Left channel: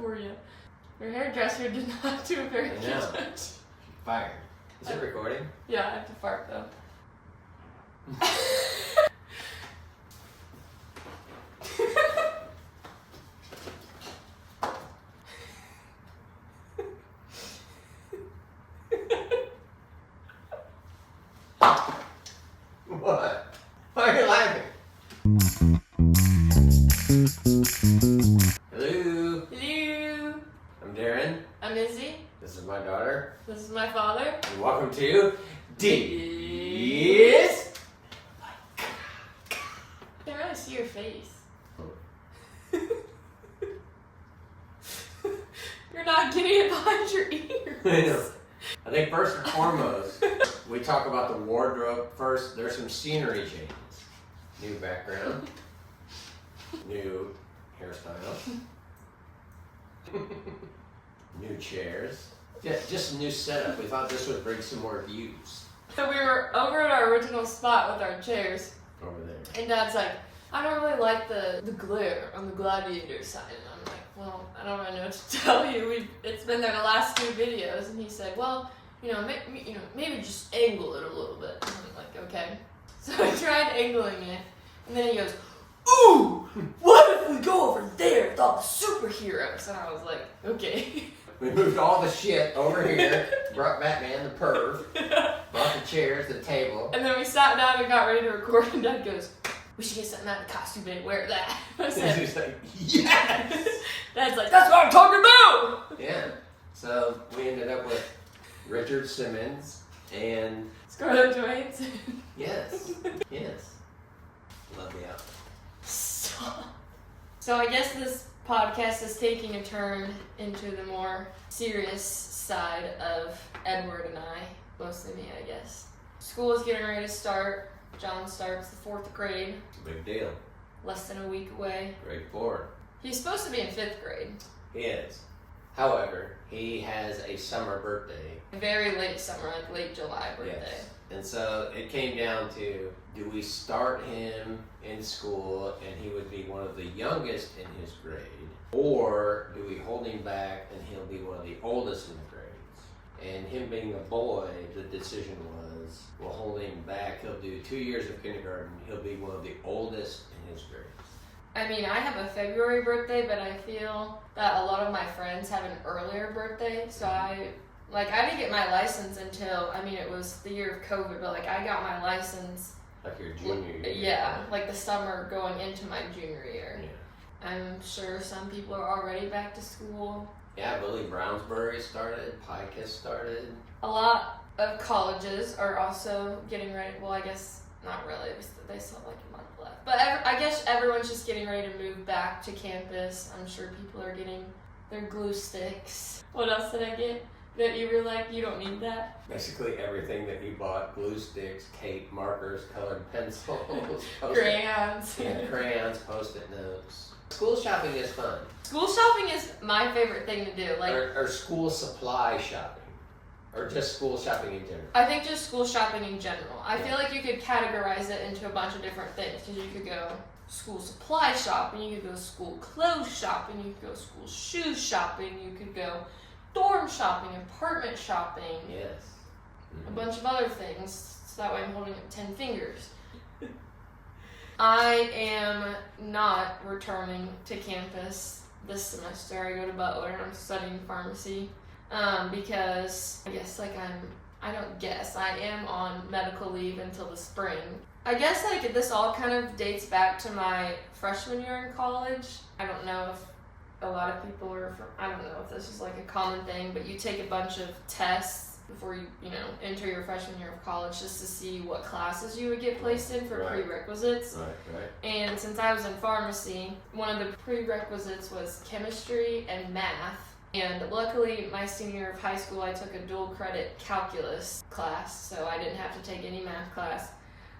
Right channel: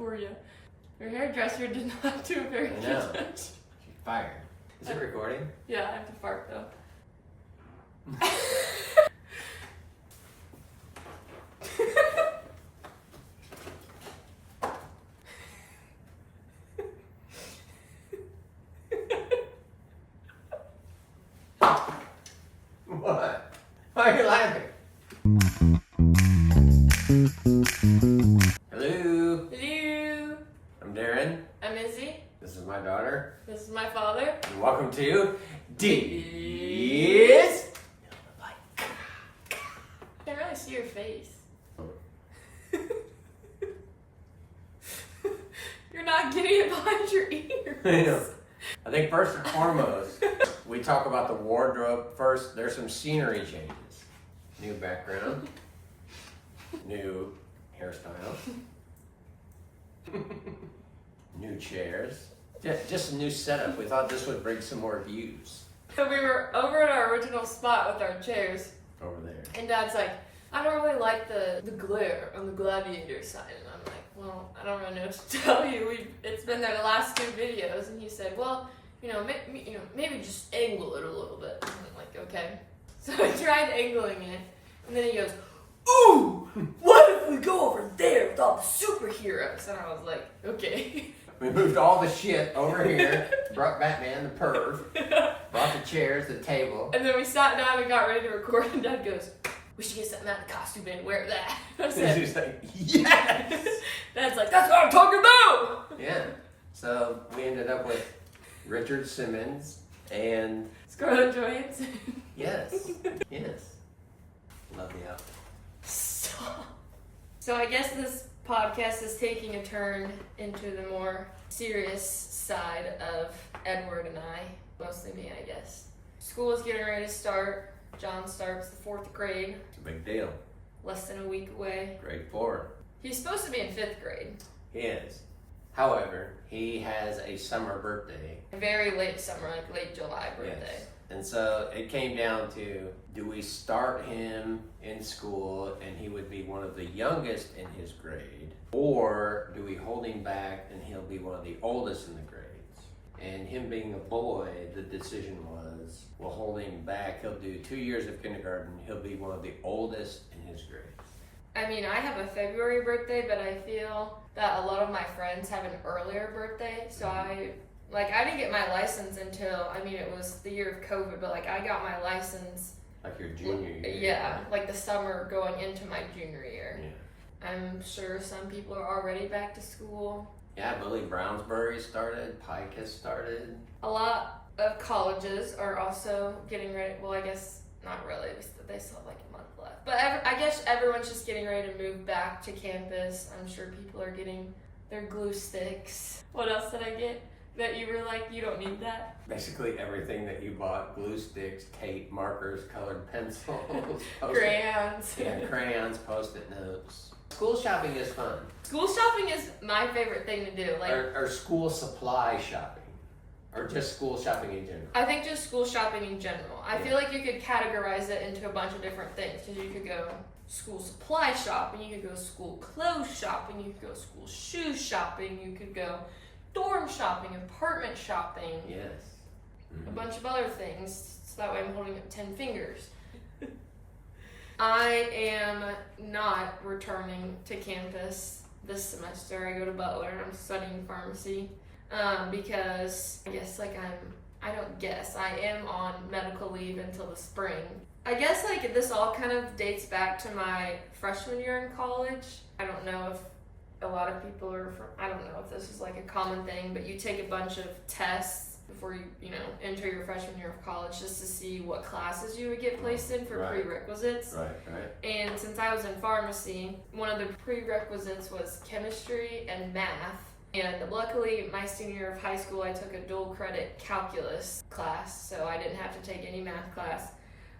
for you. Your hairdresser did not do a very good job. Fired. Is it recording? Yeah, I have to fart though. What? Why are you laughing? Hello. Hello. I'm Darren. I'm Izzy. This is my daughter. This is my father. And welcome to DIZZ. I can really see your face. You're not getting it behind your ears. I know. I think first and foremost, we talk about the wardrobe first. There's some scenery changes. New background. New hairstyle. New chairs. Just a new setup. We thought this would bring some more views. So we were over at our original spot with our chairs. Over there. And Dad's like, I don't really like the glare on the gladiator side. And I'm like, well, I don't really know what to tell you. It's been there the last two videos. And he said, well, maybe just angle it a little bit. And I'm like, okay. So I tried angling it. And then he goes, ooh, what if we go over there with all the superheroes? And I was like, okay. We moved all the shit over here, brought Batman, the perv, brought the chairs, the table. And then we sat down and got ready to record, and Dad goes, we should get something out of the costume and wear that. I said, She's like, yes! Dad's like, that's what I'm talking about! Yeah. So we ended up with Richard Simmons and... Scarlett Johansson. Yes. Yes. Love the outfit. So I guess this podcast is taking a turn into the more serious side of Edward and I. Mostly me, I guess. School is getting ready to start. John starts the 4th grade. It's a big deal. Less than a week away. Grade 4. He's supposed to be in 5th grade. He is. However, he has a summer birthday. A very late summer, like late July birthday. Yes. And so it came down to, do we start him in school and he would be one of the youngest in his grade, or do we hold him back and he'll be one of the oldest in the grades? And him being a boy, the decision was, we'll hold him back. He'll do 2 years of kindergarten. He'll be one of the oldest in his grade. I mean, I have a February birthday, but I feel that a lot of my friends have an earlier birthday, so I didn't get my license until, it was the year of COVID, but I got my license. Like your junior year? Yeah, like the summer going into my junior year. Yeah. I'm sure some people are already back to school. Yeah, Billy Brownsbury started, Pike has started. A lot of colleges are also getting ready, well, I guess not really, they still have a month left. But I guess everyone's just getting ready to move back to campus. I'm sure people are getting their glue sticks. What else did I get? That you were like, you don't need that? Basically everything that you bought, glue sticks, tape, markers, colored pencils, Crayons. Yeah, crayons, post-it notes. School shopping is fun. School shopping is my favorite thing to do. Or school supply shopping. Or just school shopping in general. I think just school shopping in general. I feel like you could categorize it into a bunch of different things. Because you could go school supply shopping, you could go school clothes shopping, you could go school shoe shopping, you could go dorm shopping, apartment shopping. Yes. Mm-hmm. A bunch of other things. So that way I'm holding up 10 fingers. I am not returning to campus this semester. I go to Butler and I'm studying pharmacy. Because I am on medical leave until the spring. I guess this all kind of dates back to my freshman year in college. I don't know if a lot of people I don't know if this is a common thing, but you take a bunch of tests before you enter your freshman year of college just to see what classes you would get placed in for prerequisites. Right. And since I was in pharmacy, one of the prerequisites was chemistry and math. And luckily, my senior year of high school, I took a dual credit calculus class, so I didn't have to take any math class.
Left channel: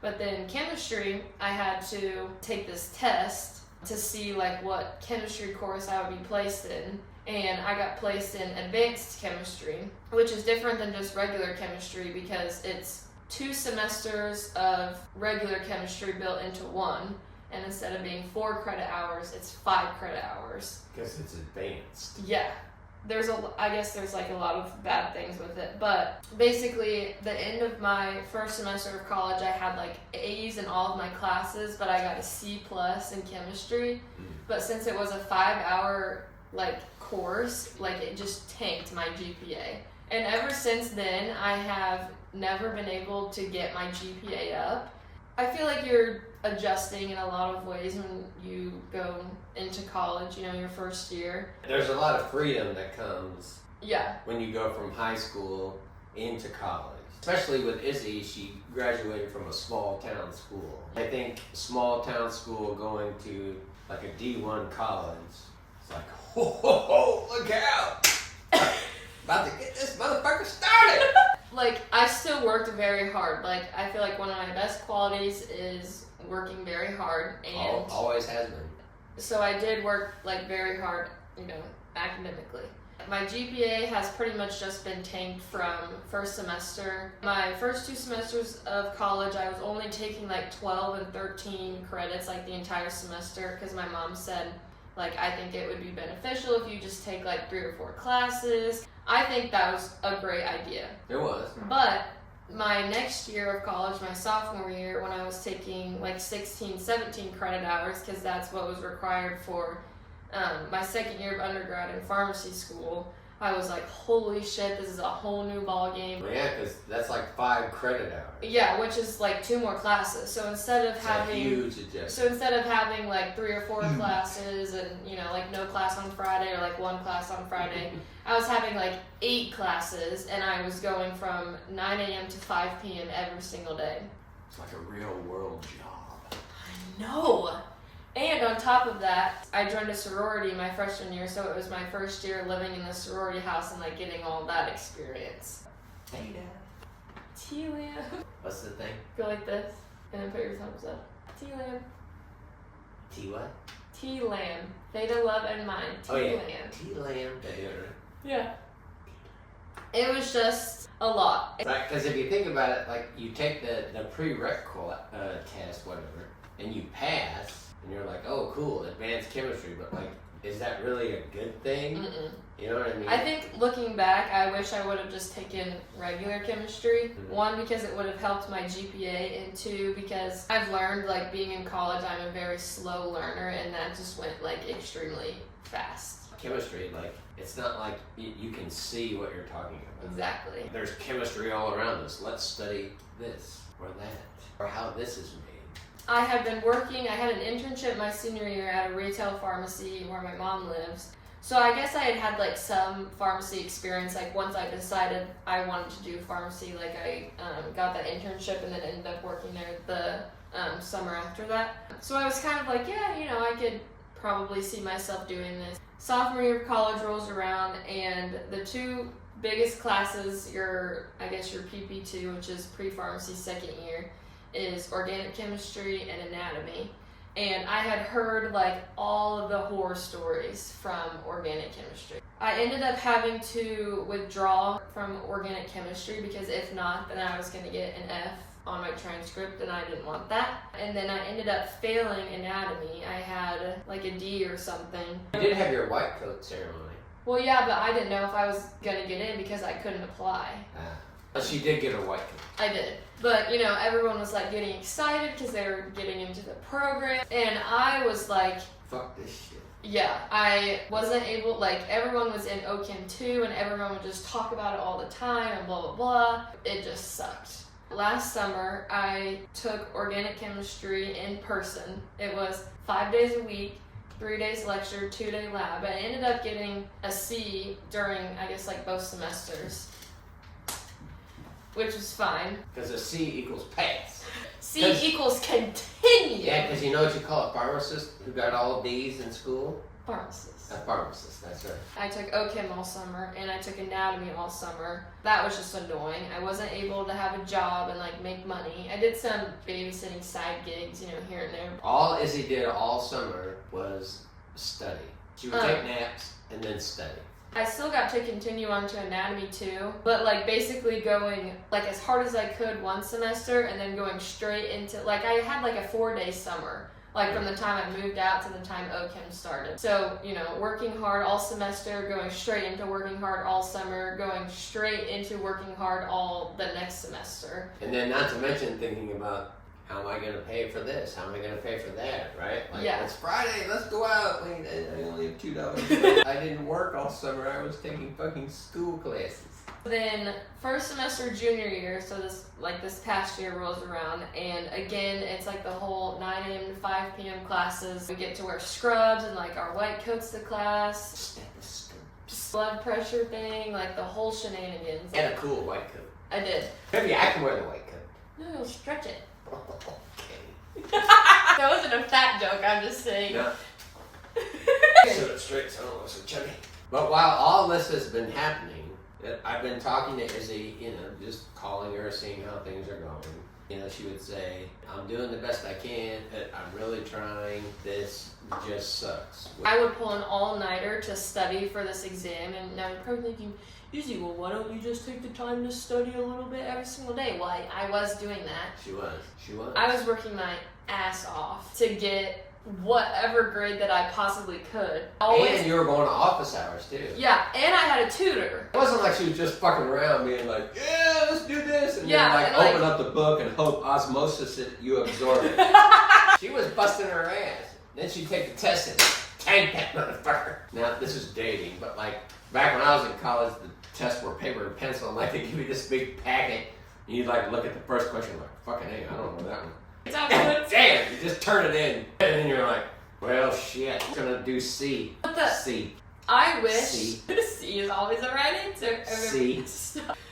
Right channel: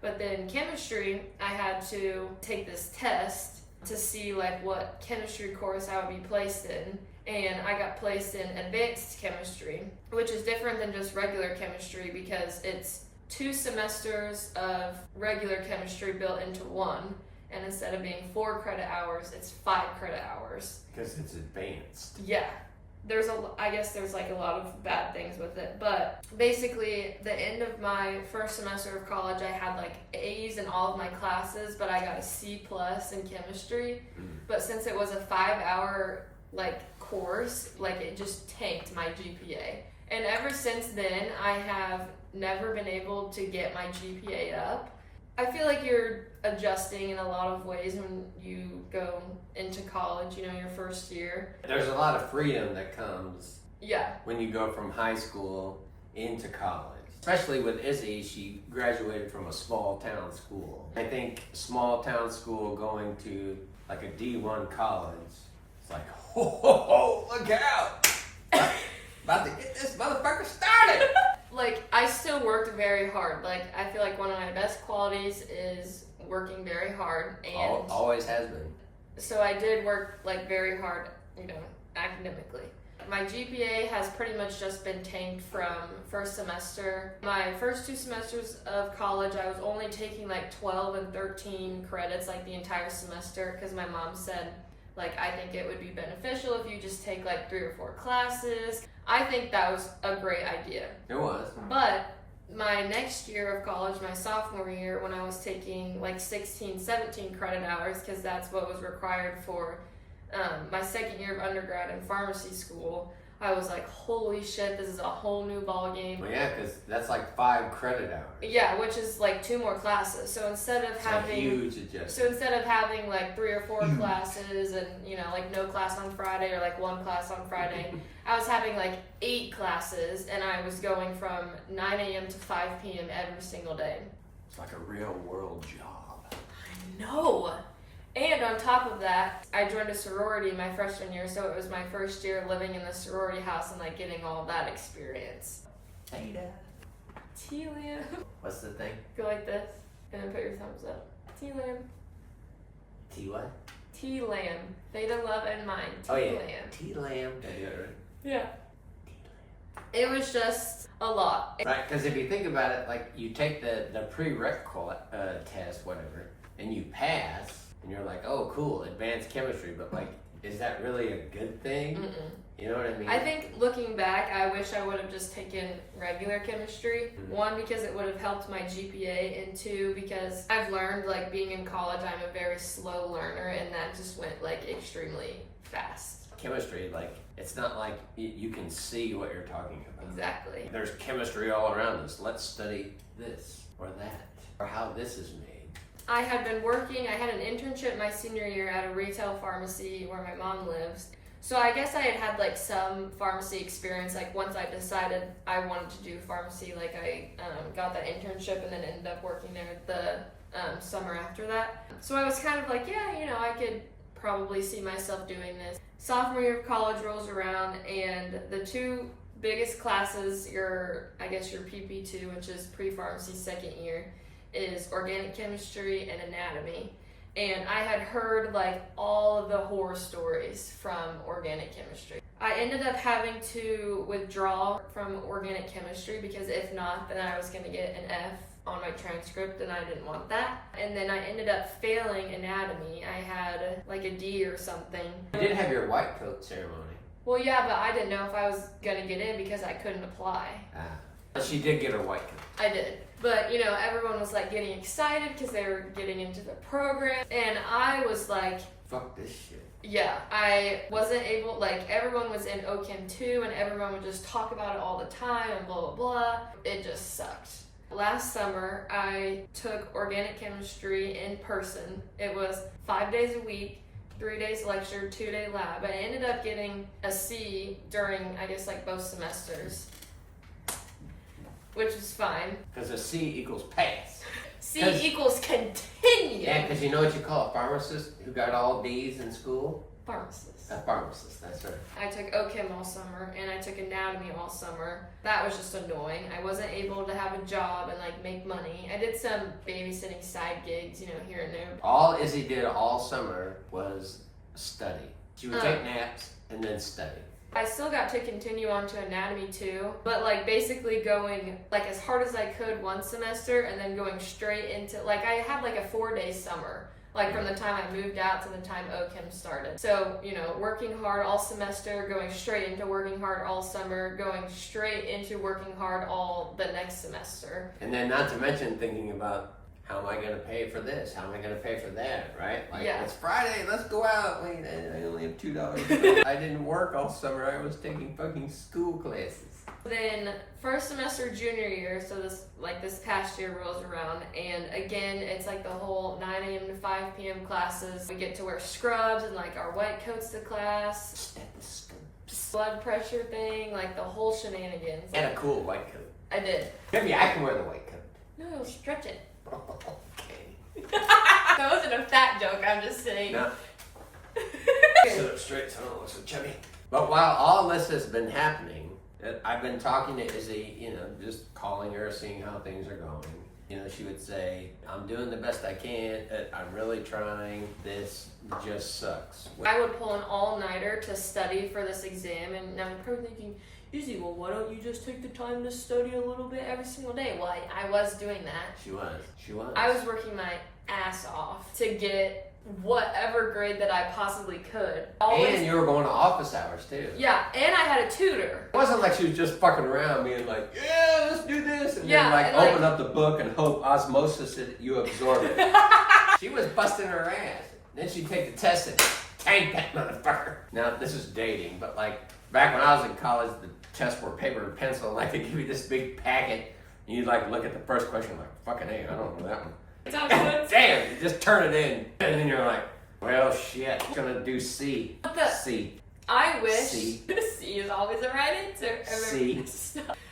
But then chemistry, I had to take this test to see what chemistry course I would be placed in. And I got placed in advanced chemistry, which is different than just regular chemistry because it's 2 semesters of regular chemistry built into one. and instead of being 4 credit hours, it's 5 credit hours. Because it's advanced. Yeah. I guess there's like a lot of bad things with it, but basically the end of my first semester of college, I had like A's in all of my classes, but I got a C+ in chemistry. But since it was a 5-hour like course, like it just tanked my GPA. And ever since then, I have never been able to get my GPA up. I feel like you're adjusting in a lot of ways when you go into college, you know, your first year. There's a lot of freedom that comes Yeah. when you go from high school into college. Especially with Izzy, she graduated from a small town school. I think small town school going to like a D1 college, it's like, ho, look out! About to get this motherfucker started! Like, I still worked very hard. Like, I feel like one of my best qualities is working very hard. And Always has been. so I did work, like, very hard, you know, academically. My GPA has pretty much just been tanked from first semester. My first 2 semesters of college, I was only taking, like, 12 and 13 credits, like, the entire semester, because my mom said, like, I think it would be beneficial if you just take, like, 3 or 4 classes. I think that was a great idea. It was. But my next year of college, my sophomore year, when I was taking like 16, 17 credit hours, because that's what was required for my second year of undergrad in pharmacy school, I was like, holy shit, this is a whole new ball game. Well, yeah, because that's like 5 credit hours. Yeah, which is like 2 more classes. So instead of It's having a huge adjustment. So instead of having like 3 or 4 classes and, you know, like no class on Friday or like 1 class on Friday, I was having like 8 classes, and I was going from 9 a.m. to 5 p.m. every single day. It's like a real world job. I know. And on top of that, I joined a sorority my freshman year, so it was my first year living in the sorority house and like getting all that experience. Hey, Dad. T-Lam. What's the thing? Go like this, and then put your thumbs up. T-Lam. T what? T-Lam. Theta, love, and mine. T-Lam. Oh yeah. T-Lamb. Yeah. It was just a lot. Right, because if you think about it, like you take the prereq test, whatever, and you pass, and you're like, oh, cool, advanced chemistry, but like, is that really a good thing? Mm-mm. You know what I mean? I think looking back, I wish I would have just taken regular chemistry. Mhm. 1, because it would have helped my GPA, and 2, because I've learned, like, being in college, I'm a very slow learner, and that just went, like, extremely fast. Chemistry, like, it's not like you can see what you're talking about. Exactly. There's chemistry all around us. Let's study this or that, or how this is made. I had been working, I had an internship my senior year at a retail pharmacy where my mom lives. So I guess I had had like some pharmacy experience, like once I decided I wanted to do pharmacy, like I got that internship and then ended up working there the summer after that. So I was kind of like, yeah, you know, I could probably see myself doing this. Sophomore year of college rolls around, and the 2 biggest classes, I guess your PP2, which is pre-pharmacy second year, is organic chemistry and anatomy. And I had heard like all of the horror stories from organic chemistry. I ended up having to withdraw from organic chemistry because if not, then I was going to get an F on my transcript, and I didn't want that. And then I ended up failing anatomy. I had like a D or something. You did have your white coat ceremony. Well, yeah, but I didn't know if I was going to get in because I couldn't apply. But she did get a white coat. I did. But, you know, everyone was, like, getting excited because they were getting into the program. And I was like... Fuck this shit. Yeah, I wasn't able... Like, everyone was in OChem 2, and everyone would just talk about it all the time and blah, blah, blah. It just sucked. Last summer, I took organic chemistry in person. It was 5 days a week, 3 days lecture, 2-day lab. I ended up getting a C during, I guess, like, both semesters. Which was fine. Because a C equals pass. C equals continue. Yeah, because you know what you call a pharmacist who got all D's in school? Pharmacist. A pharmacist, that's right. I took OChem all summer, and I took anatomy all summer. That was just annoying. I wasn't able to have a job and like make money. I did some babysitting side gigs, you know, here and there. All Izzy did all summer was study. She would take naps and then study. I still got to continue on to anatomy too, but like basically going like as hard as I could one semester and then going straight into, like I had like a 4-day summer Like from the time I moved out to the time OChem started. So, you know, working hard all semester, going straight into working hard all summer, going straight into working hard all the next semester. And then not to mention thinking about, how am I going to pay for this? How am I going to pay for that? Right? Like, it's Friday, let's go out. Wait, I only have $2. I didn't work all summer. I was taking fucking school classes. Then first semester junior year, so this past year rolls around, and again it's like the whole 9 a.m. to 5 p.m. classes. We get to wear scrubs and like our white coats to class, blood pressure thing, like the whole shenanigans. And a cool white coat. I did. Maybe I can wear the white coat. No, you'll stretch it. Okay. That wasn't a fat joke, I'm just saying. No. Sit up straight so I don't look so chubby. But while all this has been happening, I've been talking to Izzy, you know, just calling her, seeing how things are going. You know, she would say, I'm doing the best I can, I'm really trying, this just sucks. I would pull an all-nighter to study for this exam, and now you're probably thinking, Izzy, well, why don't you just take the time to study a little bit every single day? Well, I was doing that. She was. I was working my ass off to get whatever grade that I possibly could. And you were going to office hours too. Yeah, and I had a tutor. It wasn't like she was just fucking around being like, yeah, let's do this, and then open up the book and hope osmosis that you absorb it. She was busting her ass. Then she'd take the test and tank that motherfucker. Now, this is dating, but like back when I was in college, the tests were paper and pencil, and like they give you this big packet, and you'd like look at the first question like, fucking A, I don't know that one. Damn, you just turn it in, and then you're like, well, shit, I'm gonna do C. C. I wish C. C is always the right answer. C.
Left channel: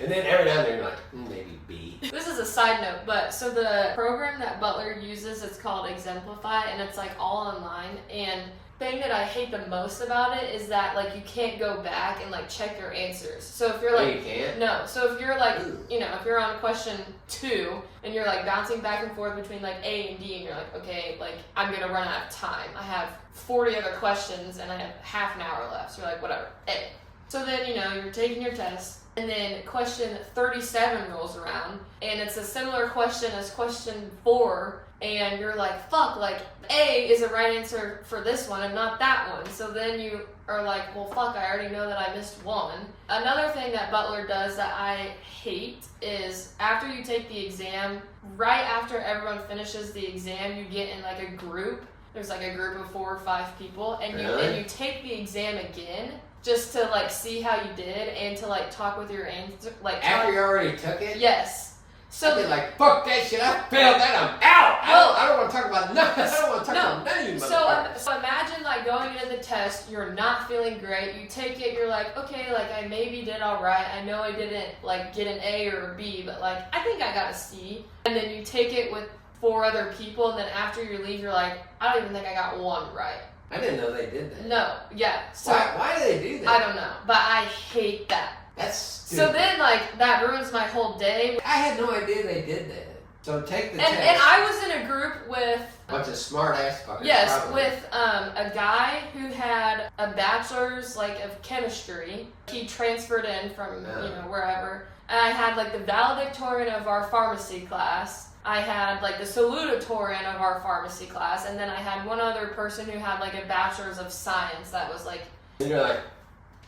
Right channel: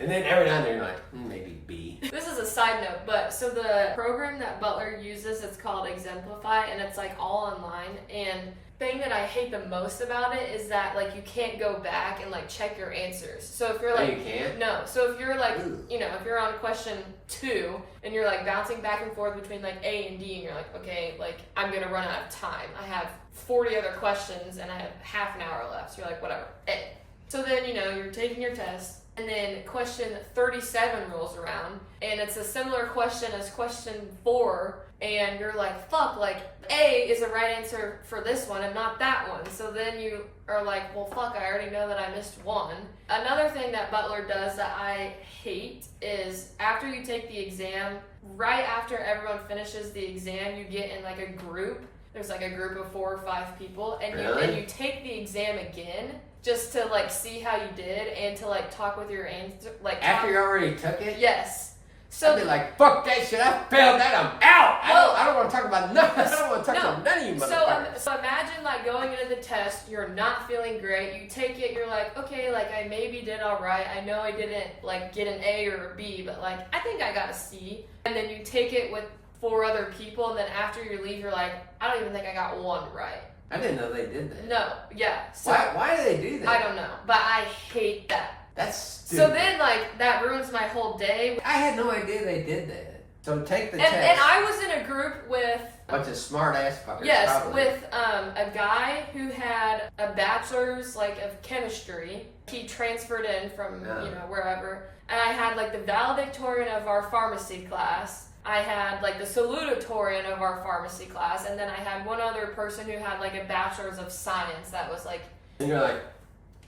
And then every now and then you're like, maybe B. This is a side note, but so the program that Butler uses, it's called Exemplify, and it's like all online. And thing that I hate the most about it is that like you can't go back and like check your answers. So if you're like, you can't? No. So if you're like, you know, if you're on question 2 and you're like bouncing back and forth between like A and D, and you're like, okay, like I'm gonna run out of time. I have 40 other questions and I have half an hour left. So you're like, whatever, A. So then, you know, you're taking your test, and then question 37 rolls around, and it's a similar question as question 4. And you're like, fuck, like, A is the right answer for this one and not that one. So then you are like, well, fuck, I already know that I missed one. Another thing that Butler does that I hate is after you take the exam, right after everyone finishes the exam, you get in like a group. There's like a group of 4 or 5 people, and you take the exam again just to like see how you did and to like talk with your answer. Like after you already took it? Yes. So I'd be like, fuck that shit, I failed that, I'm out! I don't want to talk about nothing. I don't want to talk about none of you motherfuckers. So imagine like going into the test, you're not feeling great, you take it, you're like, okay, like I maybe did alright, I know I didn't like get an A or a B, but like I think I got a C. And then you take it with 4 other people, and then after you leave, you're like, I don't even think I got 1 right. I didn't know they did that. No, yeah. So, why do they do that? I don't know, but I hate that. That's stupid. So then, like, that ruins my whole day. I had no idea they did that. So take the test. And I was in a group with a bunch of smart ass fuckers. Yes, probably. with a guy who had a bachelor's like of chemistry. He transferred in from you know wherever. And I had like the valedictorian of our pharmacy class. I had like the salutatorian of our pharmacy class, and then I had one other person who had like a bachelor's of science that was like. And you're like,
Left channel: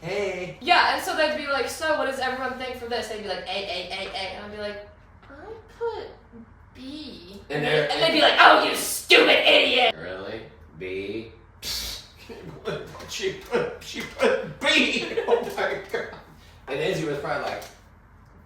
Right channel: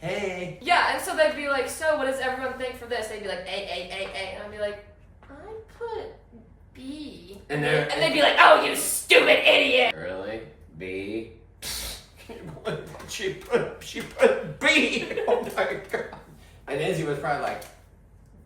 hey. Yeah, and so they'd be like, so what does everyone think for this? They'd be like, A, and I'd be like, I put B. And they'd be like, oh, you stupid idiot. Really? B? she put B. Oh my god. And Izzy was probably like,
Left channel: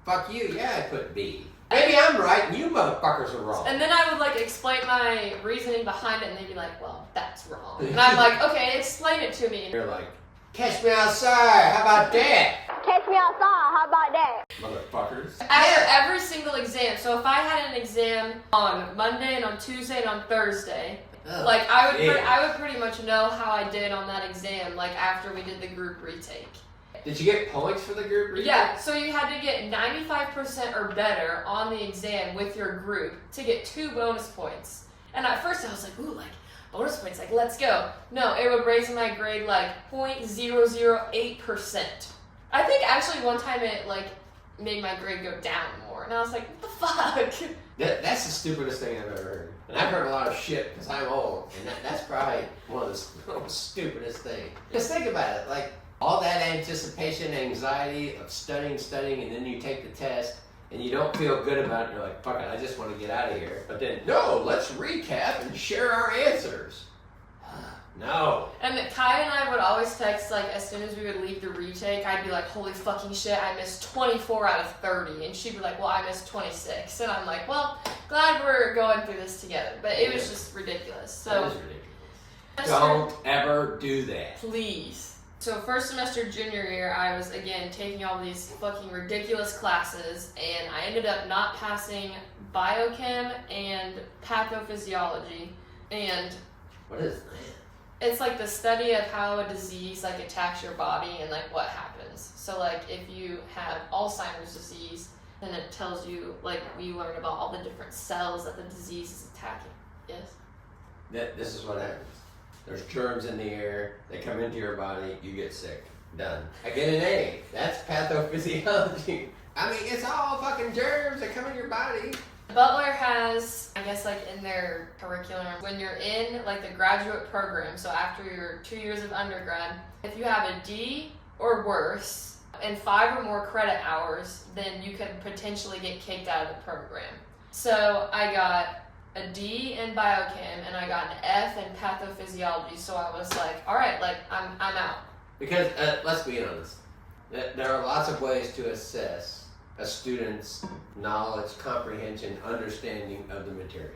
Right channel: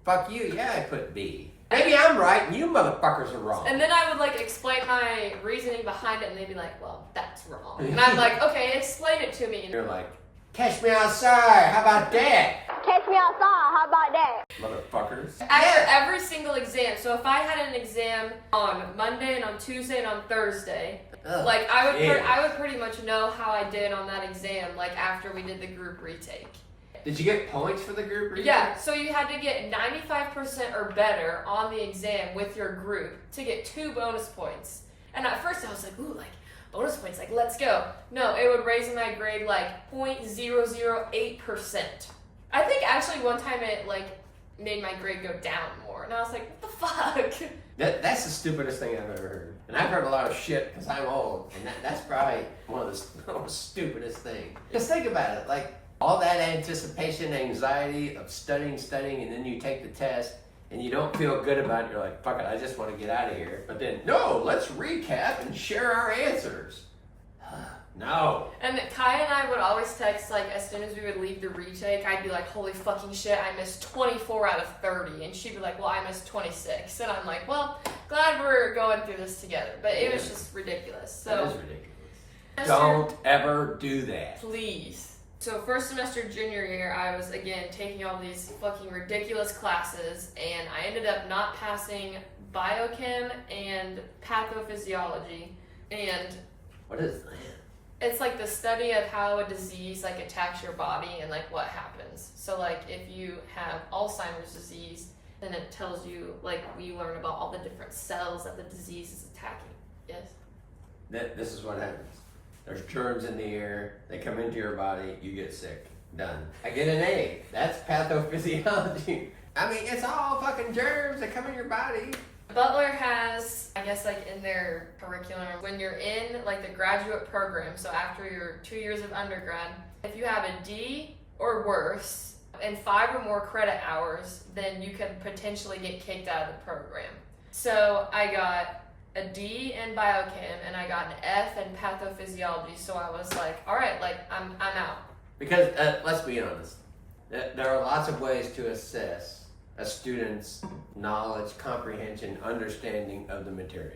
fuck you, yeah, I put B. Maybe I'm right and you motherfuckers are wrong. And then I would like explain my reasoning behind it, and they'd be like, well, that's wrong. And I'm like, okay, explain it to me. You're like, catch me outside, how about that? Catch me outside, how about that? Motherfuckers. After every single exam, so if I had an exam on Monday and on Tuesday and on Thursday, like I would pretty much know how I did on that exam, like after we did the group retake. Did you get points for the group retake? Yeah, so you had to get 95% or better on the exam with your group to get 2 bonus points. And at first I was like, ooh, like, bonus points, like, let's go. No, it would raise my grade like 0.008%. I think actually one time it like made my grade go down more, and I was like, what the fuck? That's the stupidest thing I've ever heard. And I've heard a lot of shit because I'm old, and that's probably one of the most stupidest things. Just think about it, like all that anticipation, anxiety of studying, and then you take the test, and you don't feel good about it. You're like, fuck it, I just want to get out of here. But then, no, let's recap and share our answers. No. And Kai and I would always text, like, as soon as we would leave the retake, I'd be like, holy fucking shit, I missed 24 out of 30. And she'd be like, well, I missed 26. And I'm like, well, glad we're going through this together. But it was just ridiculous. So, that is ridiculous. Don't ever do that. Please. So first semester junior year, I was, again, taking all these fucking ridiculous classes. And I ended up not passing biochem and pathophysiology. And what is that? it's like the study of how a disease like attacks your body and like what happens. So like if you have Alzheimer's disease, then it tells you like we learn about all the different cells that the disease is attacking. Yes. This is what happens. There's germs in the air. They come into your body. You get sick. Done. I get an A. That's pathophysiology. I mean, it's all fucking germs that come in your body. Butler has, I guess, like in their curriculum, when you're in like the graduate program, so after your 2 years of undergrad, if you have a D or worse and 5 or more credit hours, then you could potentially get kicked out of the program. So I got a D in biochem and I got an F in pathophysiology. So I was like, all right, like I'm out. Because let's be honest, there are lots of ways to assess a student's knowledge, comprehension, understanding of the material.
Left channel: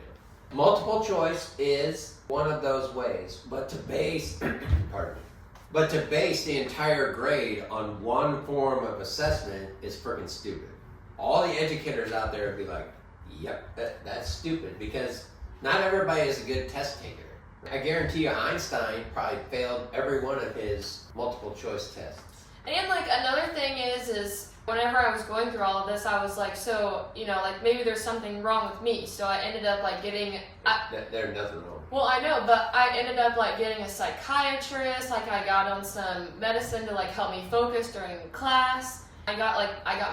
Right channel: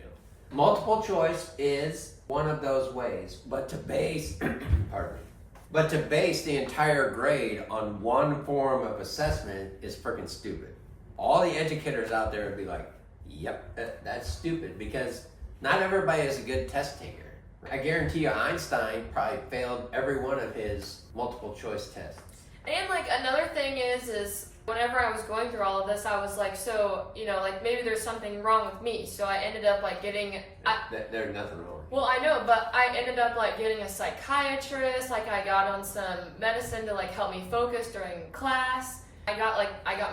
Multiple choice is one of those ways, but to base, but to base the entire grade on one form of assessment is freaking stupid. All the educators out there would be like, yep, that's stupid, because not everybody is a good test taker. I guarantee you Einstein probably failed every one of his multiple choice tests. And like another thing is whenever I was going through all of this, I was like, so, you know, like maybe there's something wrong with me. So I ended up like getting... There's nothing wrong. Well, I know, but I ended up like getting a psychiatrist. Like I got on some medicine to like help me focus during class. I got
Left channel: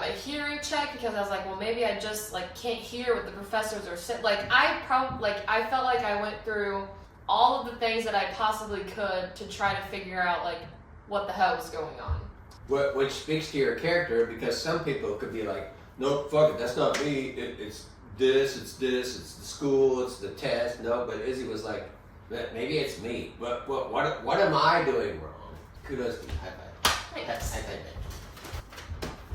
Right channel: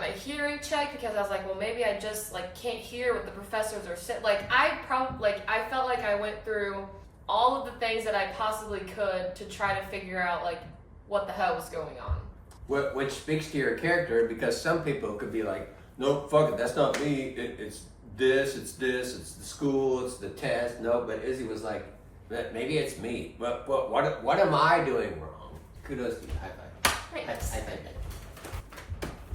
my hearing checked because I was like, well, maybe I just like can't hear what the professors are saying. Like I felt like I went through all of the things that I possibly could to try to figure out like what the hell was going on. Which speaks to your character, because some people could be like, no, fuck it, that's not me. It's it's the school, it's the test. No, but Izzy was like, maybe it's me. But what am I doing wrong? Kudos to you. High five. Thanks. High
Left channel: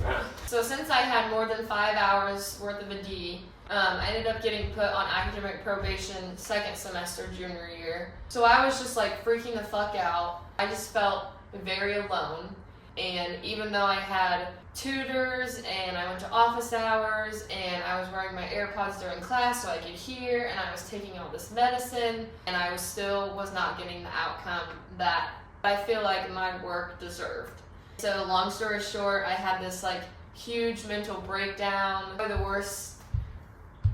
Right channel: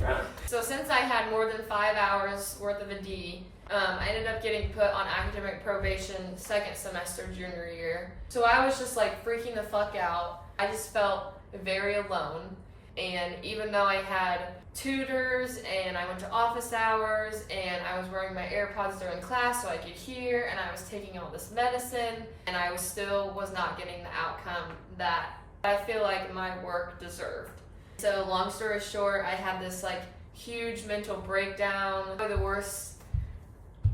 five. So since I had more than 5 hours worth of a D, I ended up getting put on academic probation second semester junior year. So I was just like freaking the fuck out. I just felt very alone. And even though I had tutors and I went to office hours and I was wearing my AirPods during class so I could hear, and I was taking all this medicine, and I was not getting the outcome that I feel like my work deserved. So long story short, I had this like huge mental breakdown,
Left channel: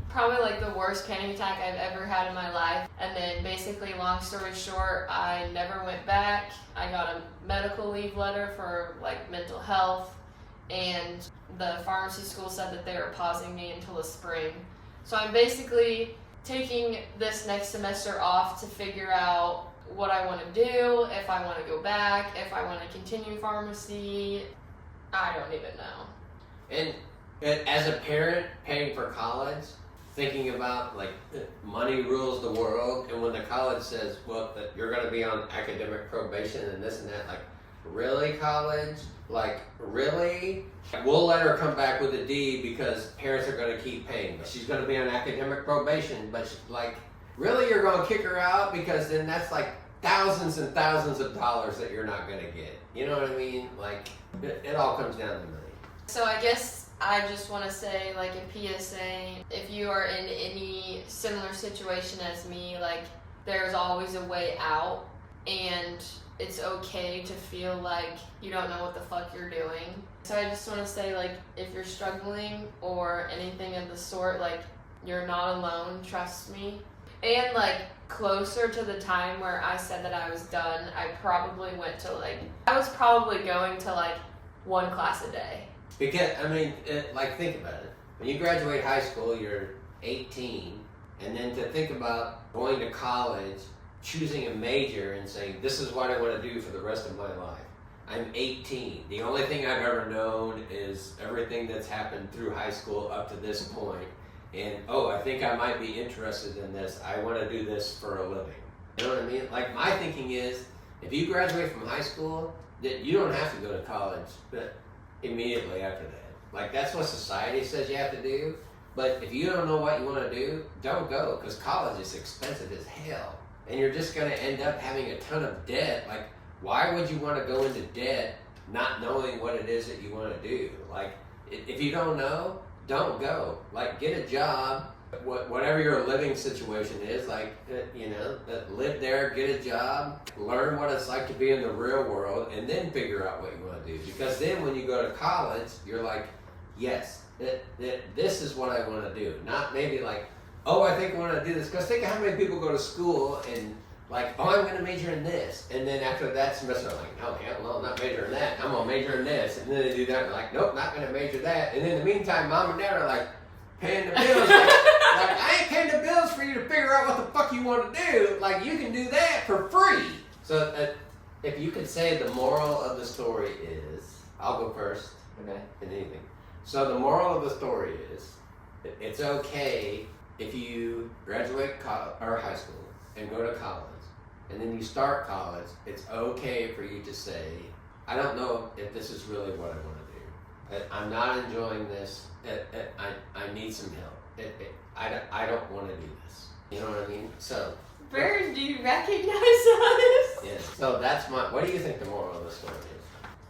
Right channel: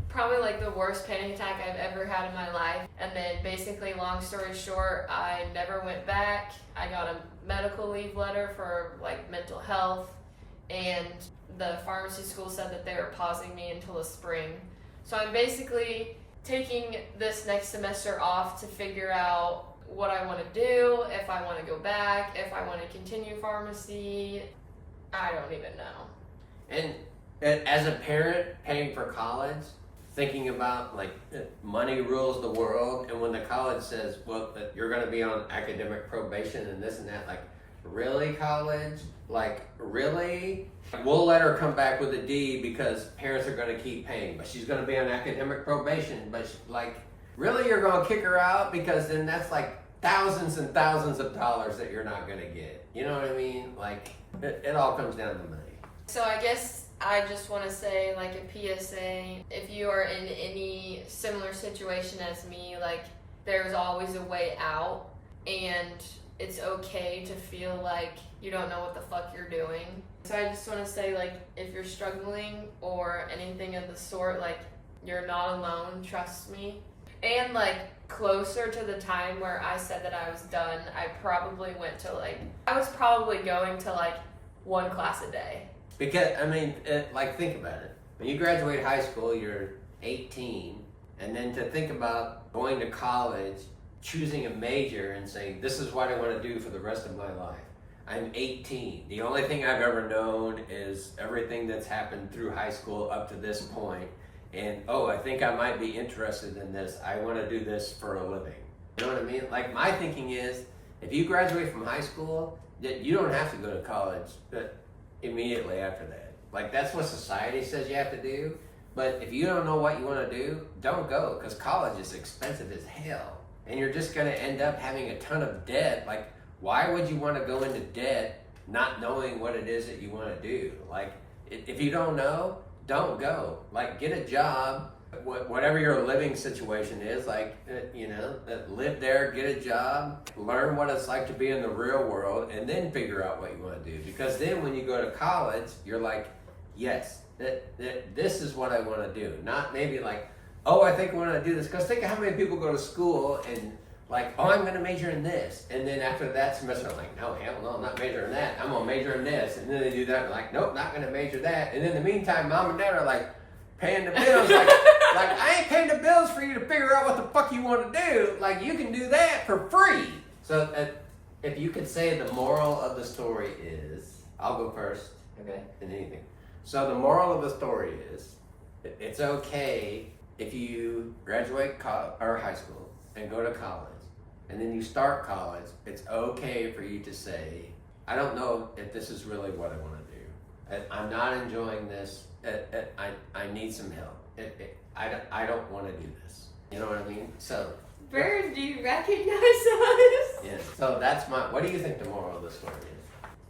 probably like the worst panic attack I've ever had in my life. And then basically, long story short, I never went back. I got a medical leave letter for like mental health, and the pharmacy school said that they were pausing me until the spring. So I'm basically taking this next semester off to figure out what I want to do, if I want to go back, if I want to continue pharmacy. I don't even know. And as a parent paying for college, thinking about like money rules the world, and when the college says, well, that you're going to be on academic probation and this and that, like, really, college? Like, really? We'll let her come back with a D because parents are going to keep paying, but she's going to be on academic probation. But like, really, you're going to kick her out? Because then that's like thousands and thousands of dollars that you're not going to get. You know what I mean? Like, it all comes down to money. So I guess I just want to say, like, a PSA, if you are in any similar situation as me, like, there's always a way out, and it's okay to feel like you don't know what the fuck you're doing. So I just want to say, like, if you're struggling or anything of the sort, like, you're not alone, trust me. And, like, closer to the time where I said that I was done, I probably went to, like, I was probably going to, like, 1 class a day. Because, I mean, like, think about it. When you graduate high school, you're 18, and then to think about going to college, choosing a major and saying, this is what I want to do for the rest of my life. I'm 18. The only thing I've ever known is everything that's happened through high school up to this point. And, oh, I think I might be interested in this. I want to do this for a living. You know what I mean? Like, my thinking is, if you graduate from high school, that you don't have to go to college immediately after that. Like, that's what society says you have to do. But if you don't know what you want to do, don't go, because college is expensive as hell. And you're just going to end up having a ton of debt. Like, why would you want to go into debt not knowing what it is that you want to do? Like, if you don't know, don't go. Like, get a job, whatever your living situation is, like, live there, get a job, learn what it's like to be in the real world, and then figure out what you want to do. Because then when you go to college, you're like, yes, this is what I want to do. Not maybe like, oh, I think I want to do this. Because think of how many people go to school and like, oh, I'm going to major in this. And then after that semester, like, no, hell no, I'm not majoring in that. I'm going to major in this. And then they do that and like, nope, not going to major that. And in the meantime, mom and dad are like paying the bills. like, I ain't paying the bills for you to figure out what the fuck you want to do. Like, you can do that for free. So if you could say the moral of the story is, I'll go first. Okay. In anything. So the moral of the story is, it's okay if you graduate high school and go to college, and then you start college, it's okay for you to say, I don't know if this is really what I want to do. I'm not enjoying this. I need some help. I don't want to do this. You know what I mean? So. Bird, do you recognize us? Yes. So that's what do you think the moral of the story is?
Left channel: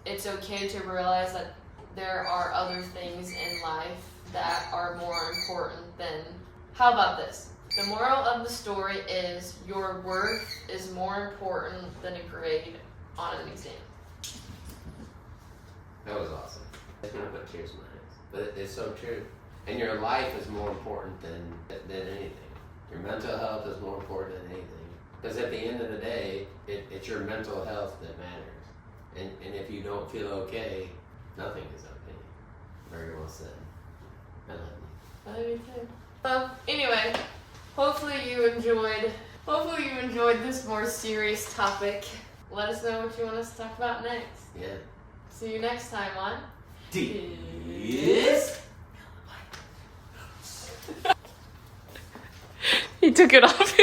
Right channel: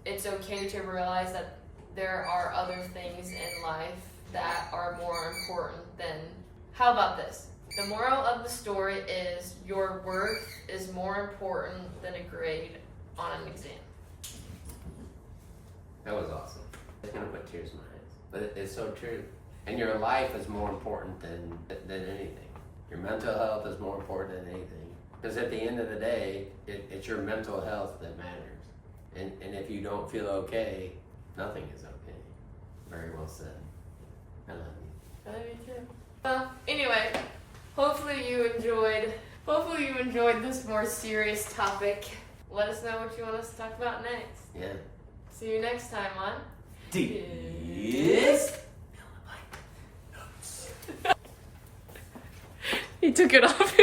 It's okay to realize that there are other things in life that are more important than. How about this? The moral of the story is your worth is more important than a grade on an exam. That was awesome. It's gonna put tears in my eyes, but it's so true. And your life is more important than anything. Your mental health is more important than anything. Because at the end of the day, it's your mental health that matters. And if you don't feel okay, nothing is okay. Very well said. I love you. I love you too. Well, anyway, hopefully you enjoyed this more serious topic. Let us know what you want us to talk about next. Yeah. See you next time on DIZZ. He took it off.